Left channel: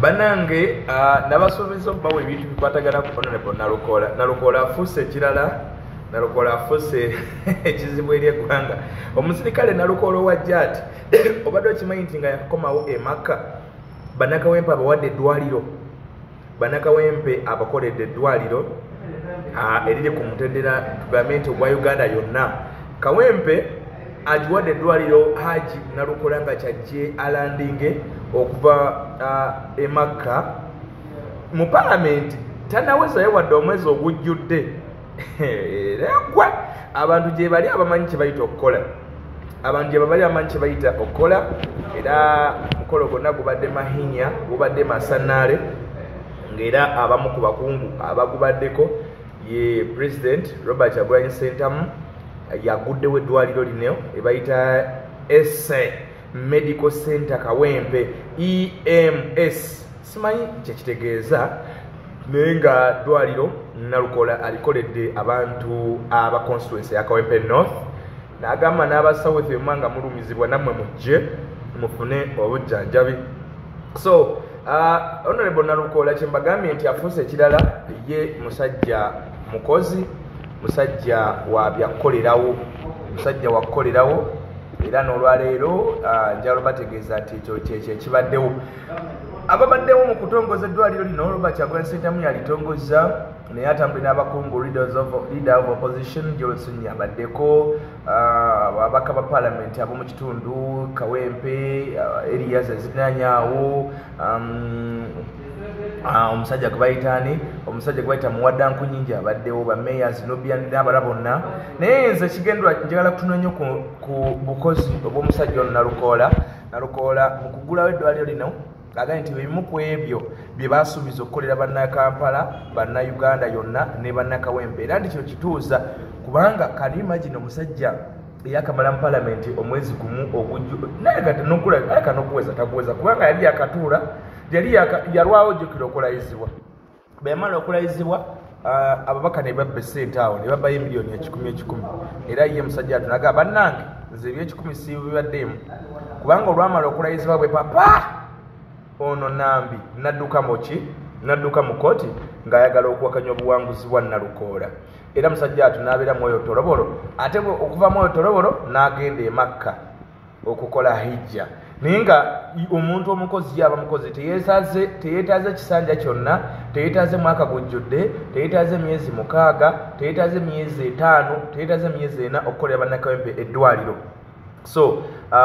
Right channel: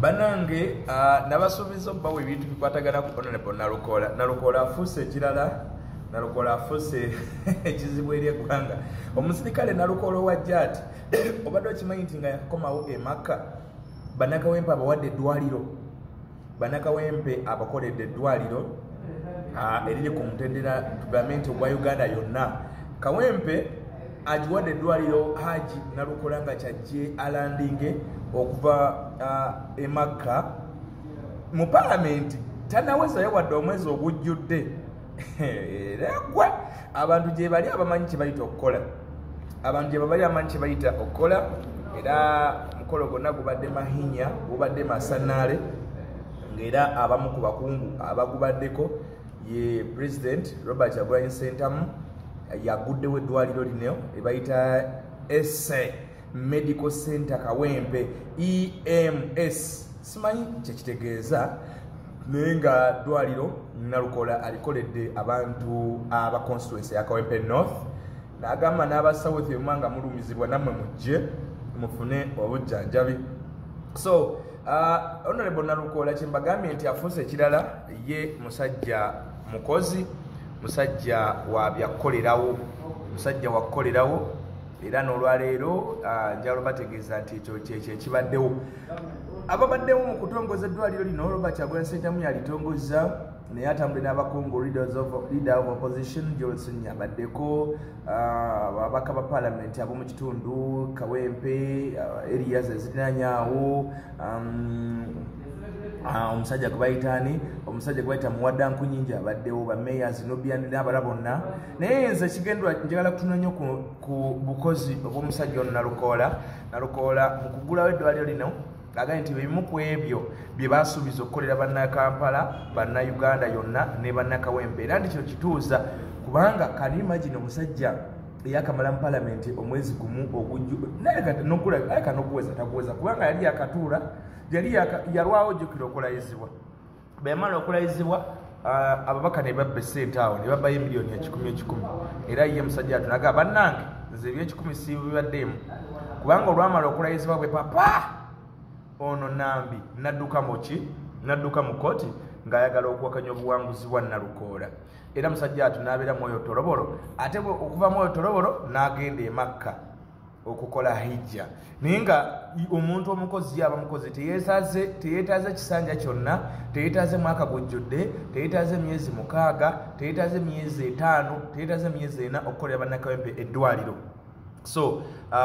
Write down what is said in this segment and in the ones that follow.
Banange nabasuubiza obbawa ebintu bikwatagana ku Honorable Nalukola afuuse ekirala. Nalukola afuuse ekizibu eri eggwanga. Omusirikale Nalukola owajja ati obadde okimanyi nti nga yakomawo e Makka bannakawempe abawadde eddwaliro, bannakawempe abakoledde eddwaliro eriri ku mutendera tugambe nti ogwa Uganda yonna. Kawempe agiwadde eddwaliro Haji Nalukola nga kyajje alandinge okuva e Makka mu palamenti tanawezayo wadde omwezi ogujjudde. Gwe abantu gye bali abamanyi kye bayita okukola, abantu gye bali abamanyi kye bayita okukola. Era mukolo gonna gubadde mahinya, gubadde masanaale, ng'era abamu ku bakungu abagubaddeko ye President Robert Kyagulanyi Ssentamu yaguddewo eddwaliro lino ebayita Esse Medical Center Kawempe EMS, simanyi kyekitegeeza naye nga ddwaliro Nalukola alikoledde abantu aba constituency ya Kawempe North, n'agamba n'aba South nga mulumizibwa nammwe mujje mufune obujjanjabi. So Honorable Nalukola kyembagambye nti afuuse ekirala, ye musajja mukozi, musajja wa byakukolerawo, musajja wa kukolerawo, era n'olwaleero njalo bategeeza nti ekyo kyekyo ekibaddewo. Ababaddewo mu kutongoza eddwaliro lino Robert Kyagulanyi Ssentamu yalitongozza, naye atambule n'abakungu leader of opposition Johnson yabaddeko, ababaka ba parliament ab'omu kitundu Kawempe, Elias Ezinanyaawo, omusajja gwebayitaani, omusajja gwebayita Muwadda Nkunyingi abaddewo, bamayors Nubian n'abala bonna. Naye nze kigendwa njagala kutunoonya ku bukozi obw'omusajja ono Nalukola mu kugulawo eddwaliro lino. Agambye nti ebimu ku ebyo bye baasuubiza okukolera bannakampala, bannayuganda yonna ne bannakawempe, era ndi kino kituuza kubanga kati imagine omusajja eyakamala mu palamenti omwezi gumu ogujju naye nokuweza takuweza kubanga yali yakatuula, yalwawo jjukira okulayizibwa. Bwe yamala okulayizibwa ababaka ne babba essente awo ne babbayo miliyoni 10,000 era ye musajja atunaga bannange nze eby'ekikumi sibibaddeemu kubanga olwamala okulayizibwa bwe papa ono Nambi nadduka mu kooti ng'ayagala okuwakanya obuwanguzi bwa Nalukola. Era musajja atu n'abeera Mwoyo Toroboro, ate okuva Mwoyo Toroboro n'agenda e Makka okukola hijja. Naye nga omuntu omukozi yaba mukozi teyeetaaze kisanja kyonna, teyeetaaze mwaka gujjudde, teyeetaaze myezi 6, teyeetaaze myezi 5, teyeetaaze myezi 4 okukolera bannakawempe eddwaliro. So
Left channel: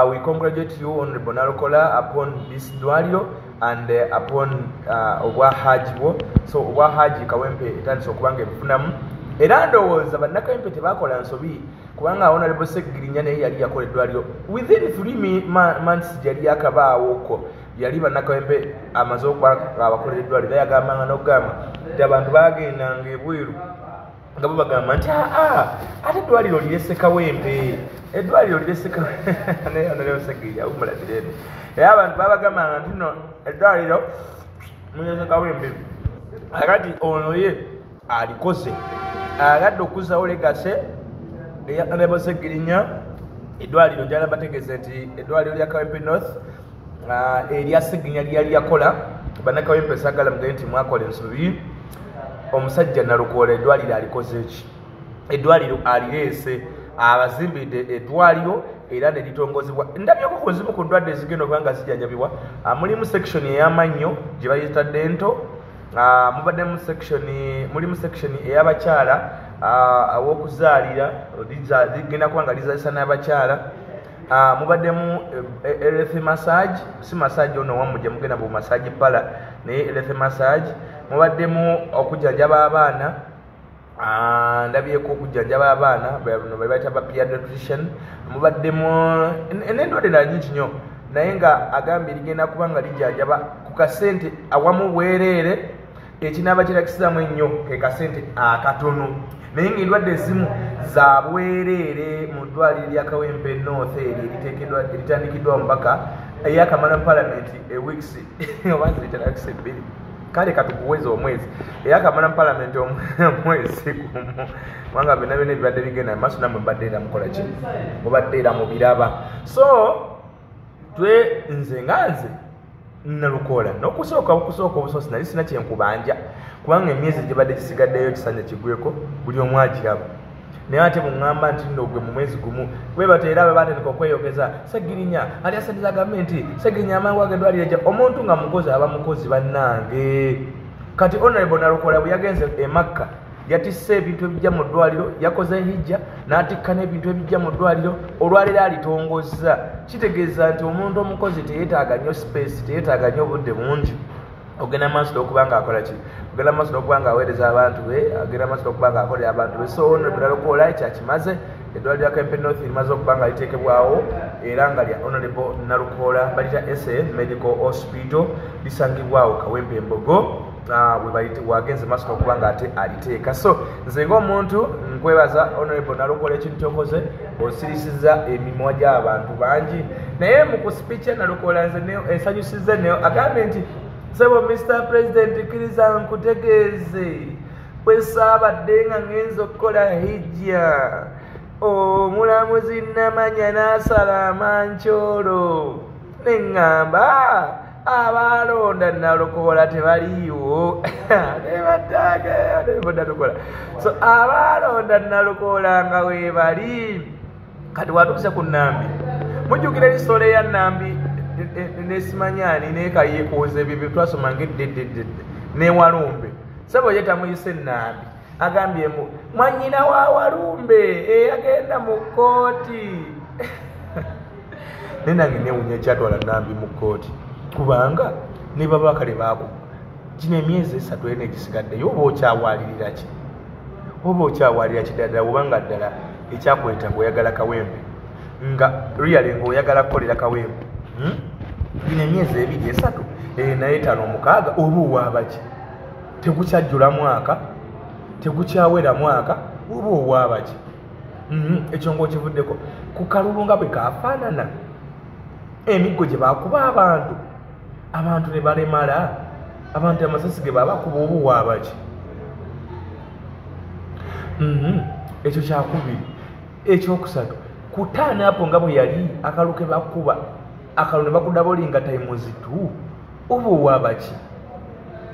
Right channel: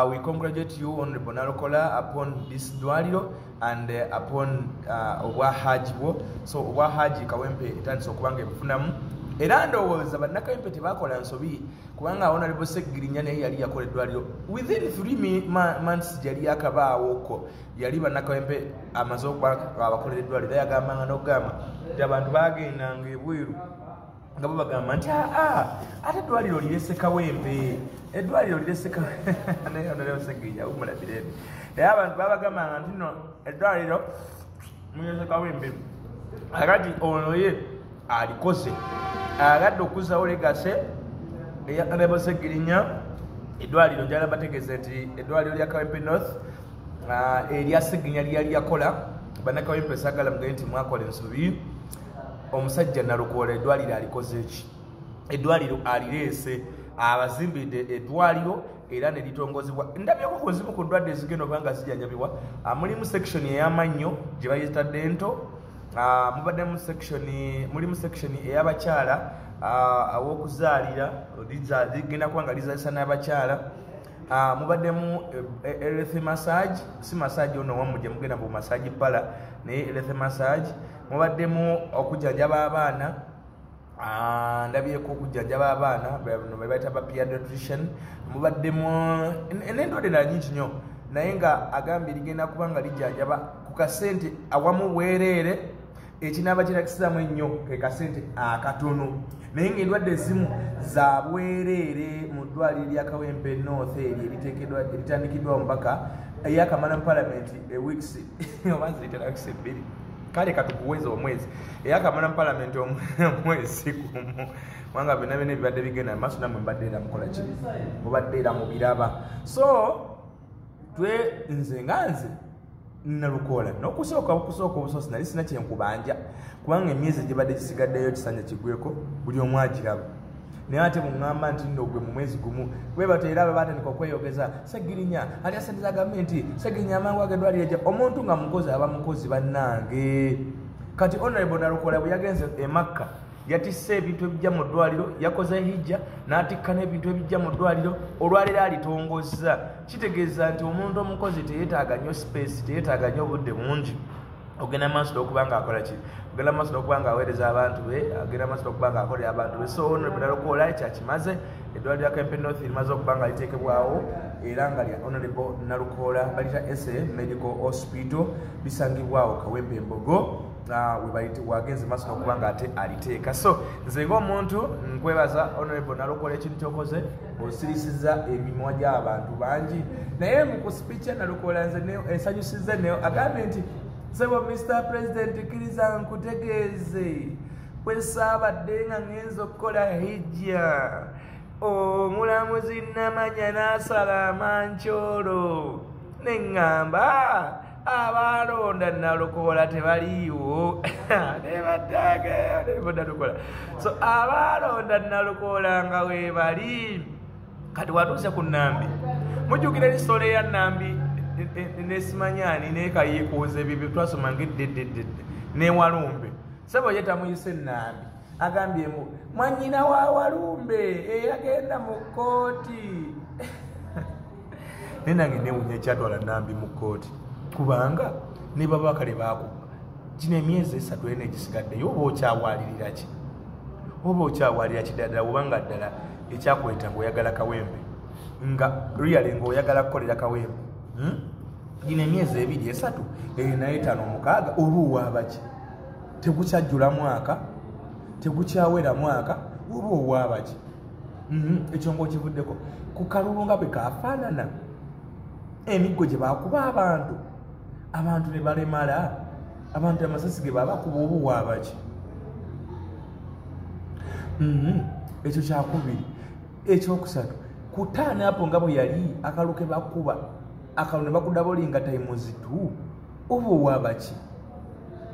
we congratulate you Honorable Nalukola upon this dwaliro and upon obwa Haji bwo. So obwa Haji Kawempe etandise okubanga ebifunamu, era ndowooza bannakawempe tebakola nsobi kubanga Honorable Segirinya naye yali yakola eddwaliro within 3 months yali yakabaawoko, yali bannakawempe amaze okuba abakolera eddwaliro. Yagambanga n'okugamba nti abantu bagendanga ebweru nga bo bagamba nti ate eddwaliro lirese Kawempe, eddwaliro lirese Honorable Segirinya umulabireeno. Era abantu babagambanga nti no eddwaliro mulirese Kawempe, akati ono ye alikoze agadde okuzzawo legase eya Honorable Segirinya. Eddwaliro njala bategeeze nti eddwaliro lya Kawempe North erya Segirinya lyali yakola, bannakawempe sagala mugaye nti mwakola ensobi. Omusajja Nalukola eddwaliro alikoze ki? Eddwaliro alireese, abazimbidde eddwaliro era ne litongozebwa. Ndabyeko ku nzibu ku ndwadde ezigenda okubanga zijjanjabibwa. Mulimu section ey'amannyo gye bayita dento, mubaddemu mulimu section ey'abakyala aw'okuzaalira ligenda kuba nga lizaalisa n'abakyala. Mubaddemu earth massage, si massage ono wamu gye mugenda bu massage pala naye earth massage. Mubaddemu okujjanjaba abaana, ndabyeko okujjanjaba abaana bwe bayita ba pediatrician. Mubaddemu n'endwadde endala nyingi nnyo, naye nga agambye ligenda kuba nga lijjanjaba ku kasente awamu bwereere. Ekinaaba kirakisizamu ennyo ke kasente akatono, naye ng'endwadde ezimu za bwereere mu ddwaliro lya Kawempe North eritandikiddwa omubaka eyakamala mu palamenti weeks oba ziterakise 2 kale katukuweza omwezi eyakamala mu palamenti omwezi gumu kubanga byonna byonna ebibadde bigenda mu maaso nammwe mbadde era mukola ki, mubadde era mubiraba. So nze Nalukola n'okusooka obusosi nali sina kyenkubanja kubanga emyezi gibadde gisigaddeyo kisanja kigweko buli omu agiraba naye ate muŋŋamba nti nno gwe mu mwezi gumu bwe bateera bwe batandika okweyogeza Segirinya ali asadiza gavumenti Segirinya amangu agendwalire gya omuntu nga mukozi aba mukozi bannange kati Honorable Nalukola bwe yagenze e Makka yatisse ebintu ebijja mu ddwaliro yakoze hijja n'atikka n'ebintu ebijja mu ddwaliro olwaliro alitongozza kitegeeza nti omuntu omukozi teyeetaaga nnyo space teyeetaaga nnyo obudde bungi ogenda maaso n'okuba ng'akola ki ogenda maaso n'okuba ng'aweereza abantu be agenda maaso n'okuba ng'akolera abantu be so Honorable Nalukola ekyakimaze eddwaliro lya Kempe North limaze okuba nga liteekebwawo era nga lya Honorable Nalukola balita SN Medical Hospital lisangibwawo Kawempe Embogo wagenze maaso n'okuba nga ate aliteeka so nze ng'omuntu nkwebaza Honorable Nalukola ekintu kyokoze osirisizza emimwa gy'abantu bangi naye mu kusipicha Nalukola nze ensanyusizza neyo agambye nti sebo Mr. President kkiriza nkutegeeze bwe saabadde nga ngenza okukola hijja omulamuzi Namanya n'asala amancoolo ne ŋŋamba abalonda Nalukola tebaliiwo so abalonda Nalukola nga weebali kati watuuse ku Nambi mujjukira ebisolo ya Nambi nesimanyani nekayekuuza ebyo bye twasoma ng'eddedde ne Walumbe sebo ye tamuyise Nambi agambyemu mwannyina wa Walumbe eyagenda mu kkooti naye nange neewunya ekyatwala Nambi mu kkooti kubanga ne baba kale baako kino emyezi 3 ene gisigaddeyo oba okyawalirira ki oba okyawalira kiddala obanga ddala ekyakweta ng'oyagala Kawempe nga really ng'oyagala kukolera Kawempe bino emyezi 2 3 naye 5 6 oba owaabaki tegukyajjula mwaka tegukyawera mwaka oba owaabaki ekyo ng'okivuddeko ku kalulu nga bwe kafaanana emiggo gye baakuba abantu ne balemala abantu amasasi ge babakuba oba owaabaki ekyo kyakubiri ekyokusatu kutaana apo nga bwe yali akalu ke bakuba akalu ne bakudaba olinga times 2 oba owaabaki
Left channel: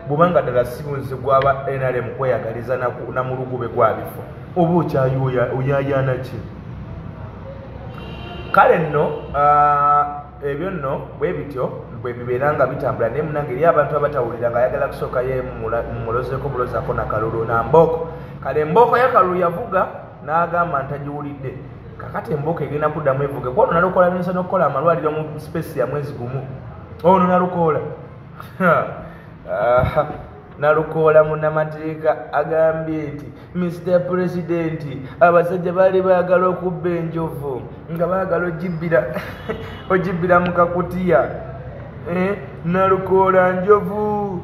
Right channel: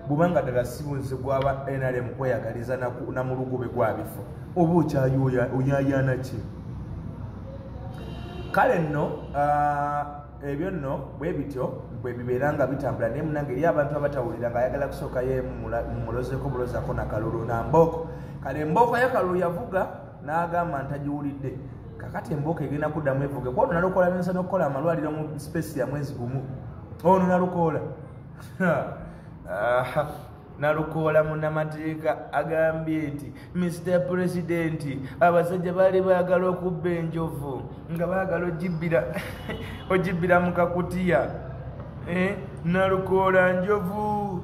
bw'obanga ddala sibunzi gwaba NRM kweyagaliza namulugube gwa bifo oba okyayooyayaana ki kale nno ebyo nno bwe bityo bwe bibeera nga bitambula naye munange eri abantu abatawulira nga ayagala kusookayo mumulozeko bulozaako nakalulu namboko kale emboko yakalulu yavuga n'agamba ntagiwulidde kakati emboko egenda kuddamu evuge kwono Nalukola n'ensa n'okukola amalwaliro mu space ya mwezi gumu ono Nalukola Nalukola munnamateeka agambye nti Mr. President abasajja baali baagala okubba enjovu nga baagala ogibbira mu kakutiya Nalukola njovu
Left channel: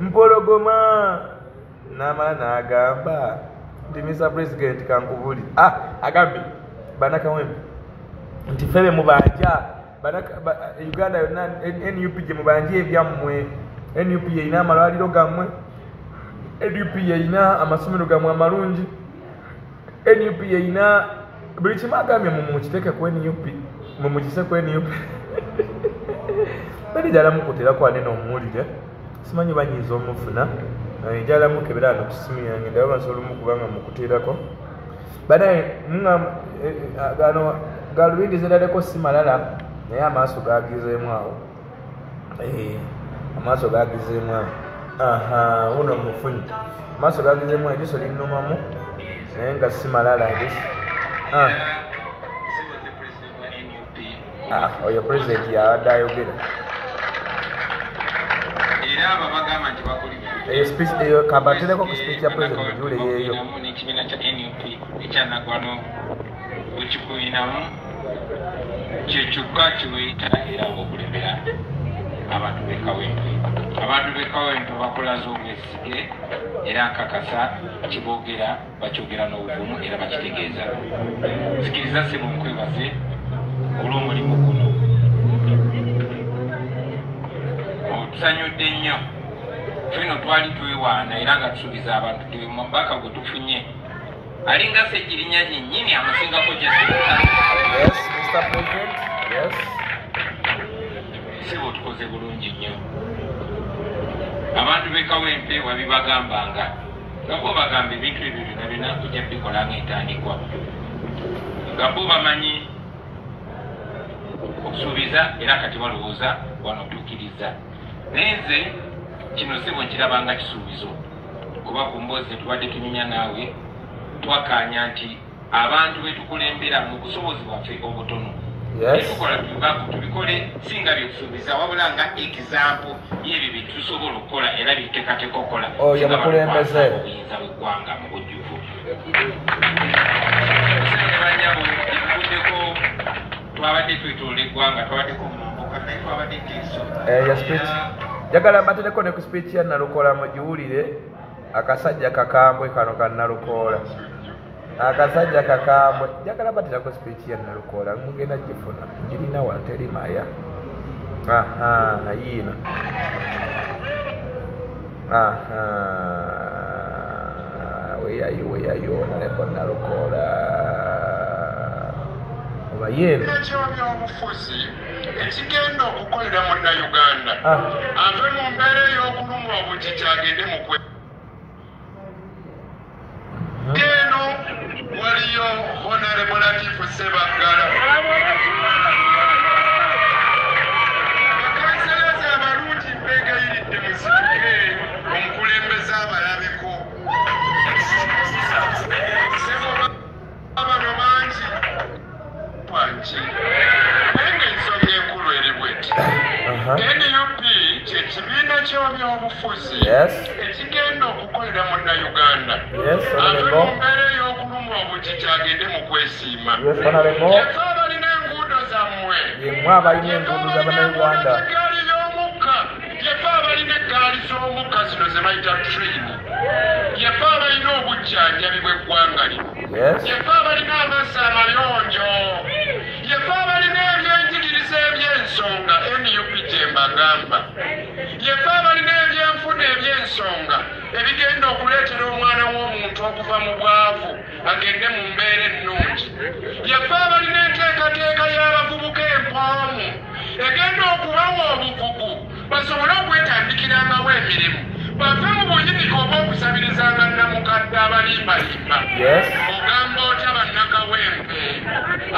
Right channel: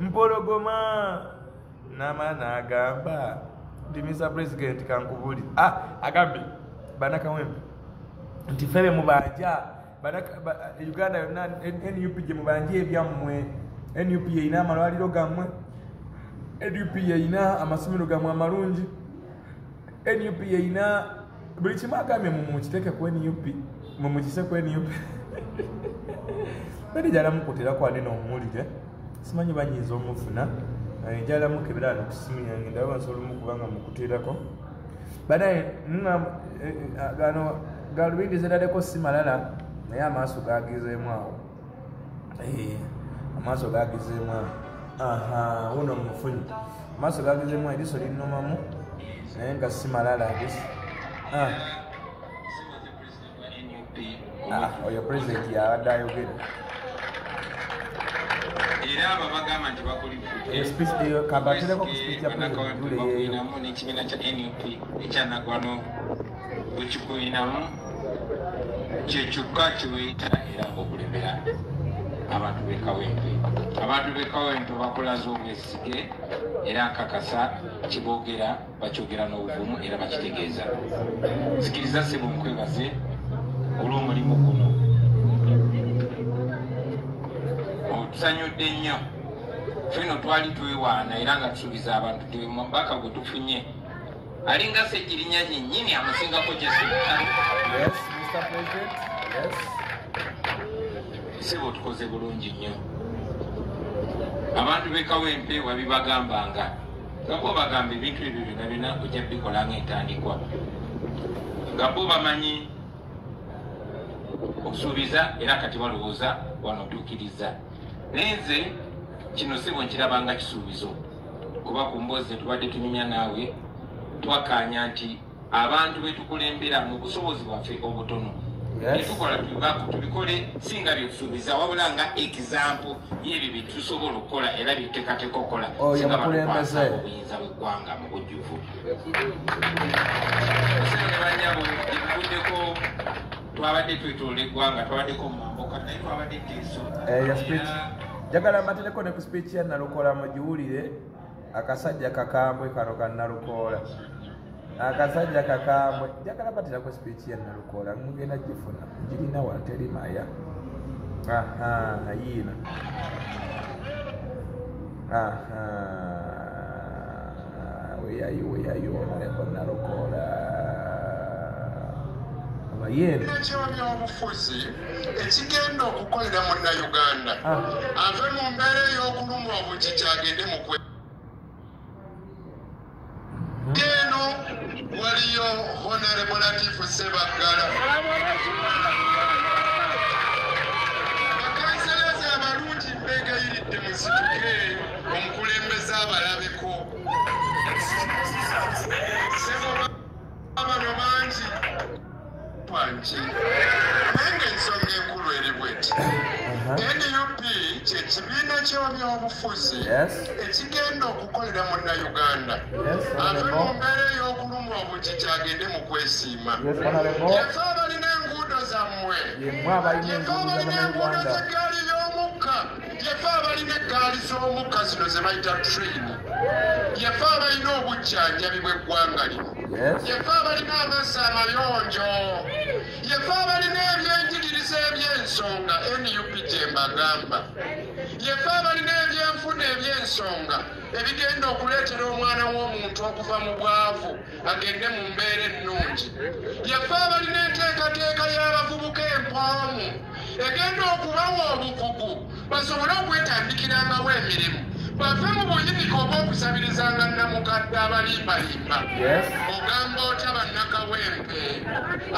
mpologoma n'amala n'agamba nti Mr. President kankubuli agambye Banakawempe nti febe mubanja Uganda yonna NUP gye mubanja ebyammwe NUP yeyina amalwaliro gammwe NUP yeyina amasomero gammwe amalungi NUP yeyina buli kimu agambye mukiteeke ku NUP mumukise ku NUP bali jalamukuteerako ane n'omuwulire simanyi banyiiza omufuna jalamukebera ano kusimu yange ndaba bansobola omukubanga mukuteerako banaye gano galubindi ziraleko si malala naye amaaso gagizeemu awo amaaso gagizeemu awo uno mufunyi amaaso gagizeemu eriso linnumamu naye nga si malala oyo pulezidenti yabadde ayogera eyo kabatereko ku speech ya pulezidenti jule yeeyo n'ekibiina kya NUP ekyanagwano bwekikuyinamu kyekyokka kiweyita era okulembera abantu b'Ekawempe. Abantu b'Ekawempe bakolaze obwesige era nkakasa kiboogera bakyogera n'obuvumu era bakitegeeza. Sikiriza ssebo nkwebaze olw'omulimu guno. Otusanyudde nnyo. Fino twali twewaana era nga tusuubiza abantu mubaka gwe tufunye alinga Segirinya nnyini amusingako Jesse. Yes, Mr. President. Yes. sebo tukoze bulungi nnyo abantu b'ekawempe wabibagambanga nga bo bagamba ebintu ebyo byonna byonna ojja bikola ng'entandikwa nga bo bamanyi okusuubiza era kati balowooza wano otuukiriza naye nze kino sebo nkirabanga kisuubizo kuba ku mboozi tubadde tunyumya naawe twakkaanya nti abantu betukulembera mu busobozi bwaffe obutono tukola tubikole singa byokusuubiza wabula nga example y'ebyo byetusobola okukola era byetuteekateeka okukola obuyinza bw'eggwanga mu bujjuvu osenge banyabo ebivuddeko twabadde twetoola eggwanga twabaddeko mumboka naye twabadde teeso njagala mbatereko ne ku speech ya Nalukoola mugiwulire akasajja kakambwe kano ka Nalukoola akasajja kakambwe njagala mbatereko speech ya Nalukoola mugenda gifuna girina wateri maya yiina weyayo onaleko Nalukoola oba yeeno ekyobufuzi ekigenda okukolera munnayuganda ave mu mbeera ey'okulumwa obukiki agende mu kwe eno waliyo honorable Latif Ssebaggala bakansalaza abalungi mbegayiridde musituke omukulembeze abalabeko bano bangi wangi naye ng'ensonga enkulu eri bweti NUP kyekibiina ky'ebyobufuzi ekigenda okukolera munnayuganda ave mu mbeera ey'okulumwa obukiki agende mu kwesiima yafe abalina enguudo zammwe egaali y'omukka yafe abalina eggaali z'omukka zino ze bayita train yafe abalina obujjanjabi bw'eggwanga lino yafe abalina amazzi amayonjo yafe abalina ebyenjigiriza eby'ensonga NUP gye mbagamba yafe abalina ebyenfuna eby'ensonga ebigenda okuleetera omwana w'omuntu okuva mu bwavu agende mu mbeera ennungi yafe abalina enteekateeka y'abavubuka empoomu egenda okubawa obukugu basobole okwetandikirangawo emirimu bave mu buyinike oba okusabirizanga namukadde abalimbalimba ogamba otya bannakawempe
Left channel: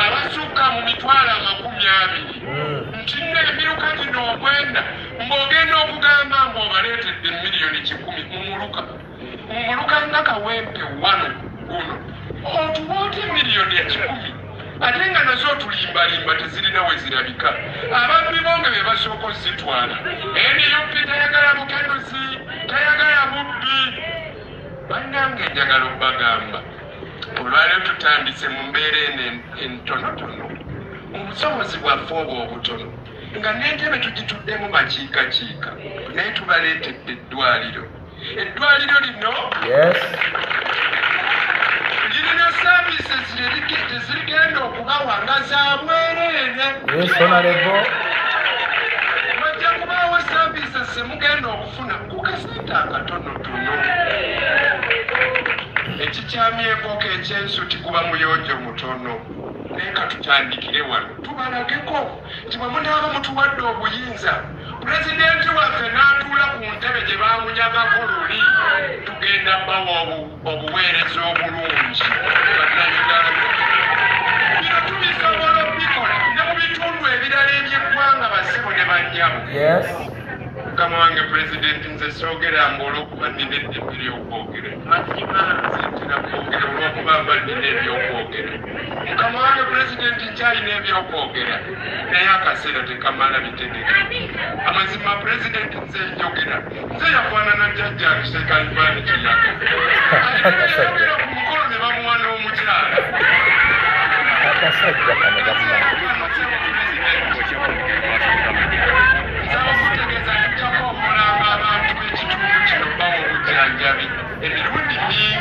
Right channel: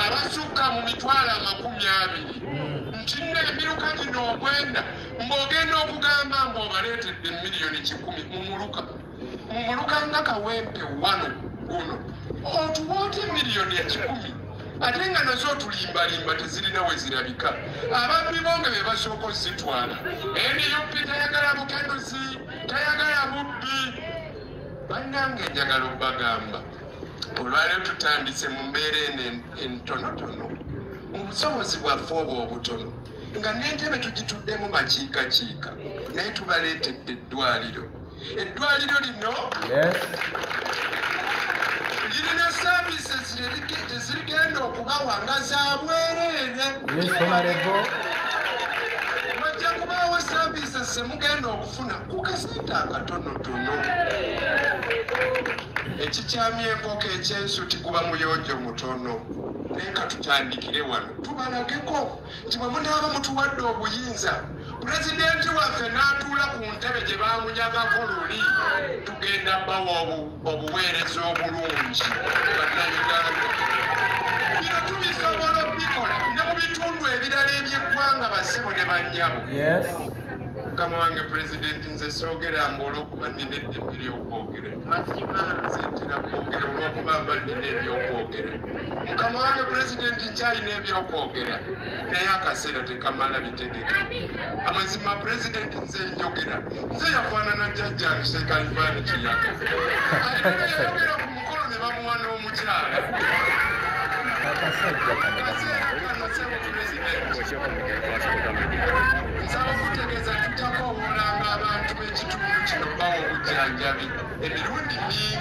abasukka mu mitwalo 20 nti nno emiruka gino ogwenda ng'ogenda okugamba ng'obaleetedde miliyoni 100 mumuluka nga kawempe wano guno otuwoota miliyoni 100 ate nga nazo otulimbalimba tezirina we zirabika ababbi bonge be basooka ozitwala NUP tayagala bukenuzi tayagala bubbi bannange njagala obbagamba olwaleero tutandise mu mbeera eno entonotono obusobozi bwaffe obwo obutono nga n'entebe tugituddemu makiikakiika naye tubaleetedde eddwaliro lino lirina services tezigenda okubawa nga za bwereere bajja kubaawo services zemugenda okufuna ku kasente akatonotono ekikyamya enkoko ekyensuti kuba muyonjo mutono naye ka tutandikire wano tubalageko nti bwe munaaba mutuwadde obuyinza pulezidenti waffe n'atuula ku ntebe gye bamunyagako luli tugenda bawa obuweereza obulungi bannayuganda bino tubisobola obikola ne mu bitundu ebirala eby'eggwanga bassebo ne bannyabo mukama wange pulezidenti nze soogera mba olw'okuba nnina eddembe ly'okwogera nze ntera kwogera olw'okuba mba nnina ebyokwogera mukama wange pulezidenti nkyalina ebyokwogera naye akaseera tekamala bitegeka amazima pulezidenti nze njogera nze yafaanana jjajjange sekalifaani kiyaga ayogera ku mukolo ne bamuwa n'omukyala nsaba kutegeeza tujjako omulanga abantu b'ekitundu kino bawa obujjanjabi emirundi mingi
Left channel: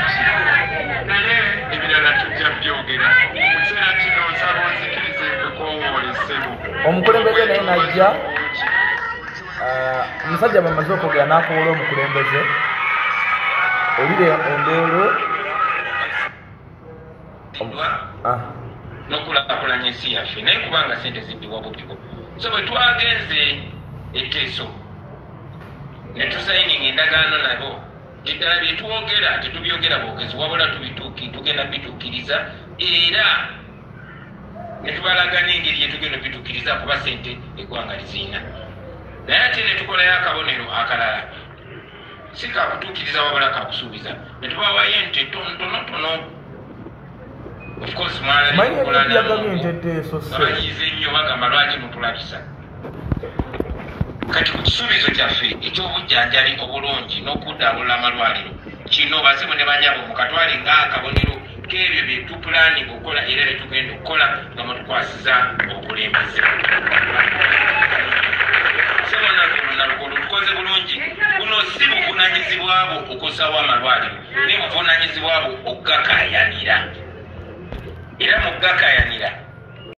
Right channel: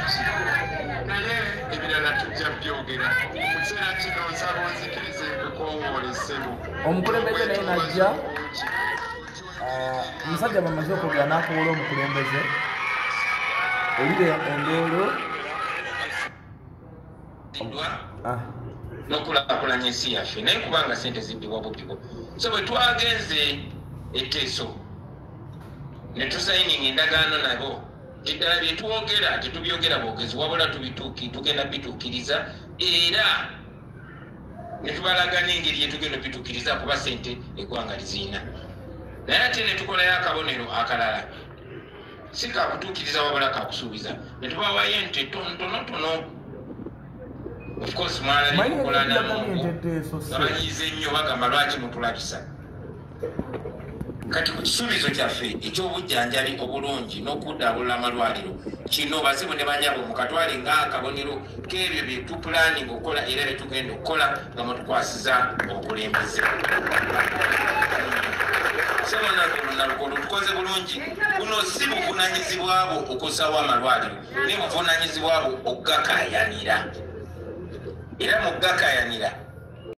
naye ebirala tujja byogera mu kiseera kino nsaba onzikirize nkwekowoolesebo omukulembeze naye najja omusajja bamaze okwogera n'akowola omukulembeze olire endeero n'okulaakulanya ensi yaffe naye kubanga sente ziddibwa bubbibo so bwe twagenze etteeso ne tusayininga endagaano nabo eddala byetwogera tetubyogera bwogezi wabula tugenda bituukiriza era netubalaga n'engeri yetugenda bituukiriza kuba sente eggwanga liziina naye ate netukolayo akabonero akalala si kakutuukiriza wabula kakusuubiza netubawayo ente tonotono bamanyize nnyo bagamba lwaki mutulabisa kati ku kisuubizo kyaffe ekyobujjanjali obulungi n'okuddaabulula amalwaliro kino bazibu ne banyabo mukatwale ng'akabonero k'ebyo bye tupulaninga okukola era bye tugenda okukola nga mutukwasiza obukulembeze sebonnalukola tukoze bulungi buno si buvunanyizibwabo okusawo amalwaliro ne buvunanyizibwabo okugakayanira era mu gakayanira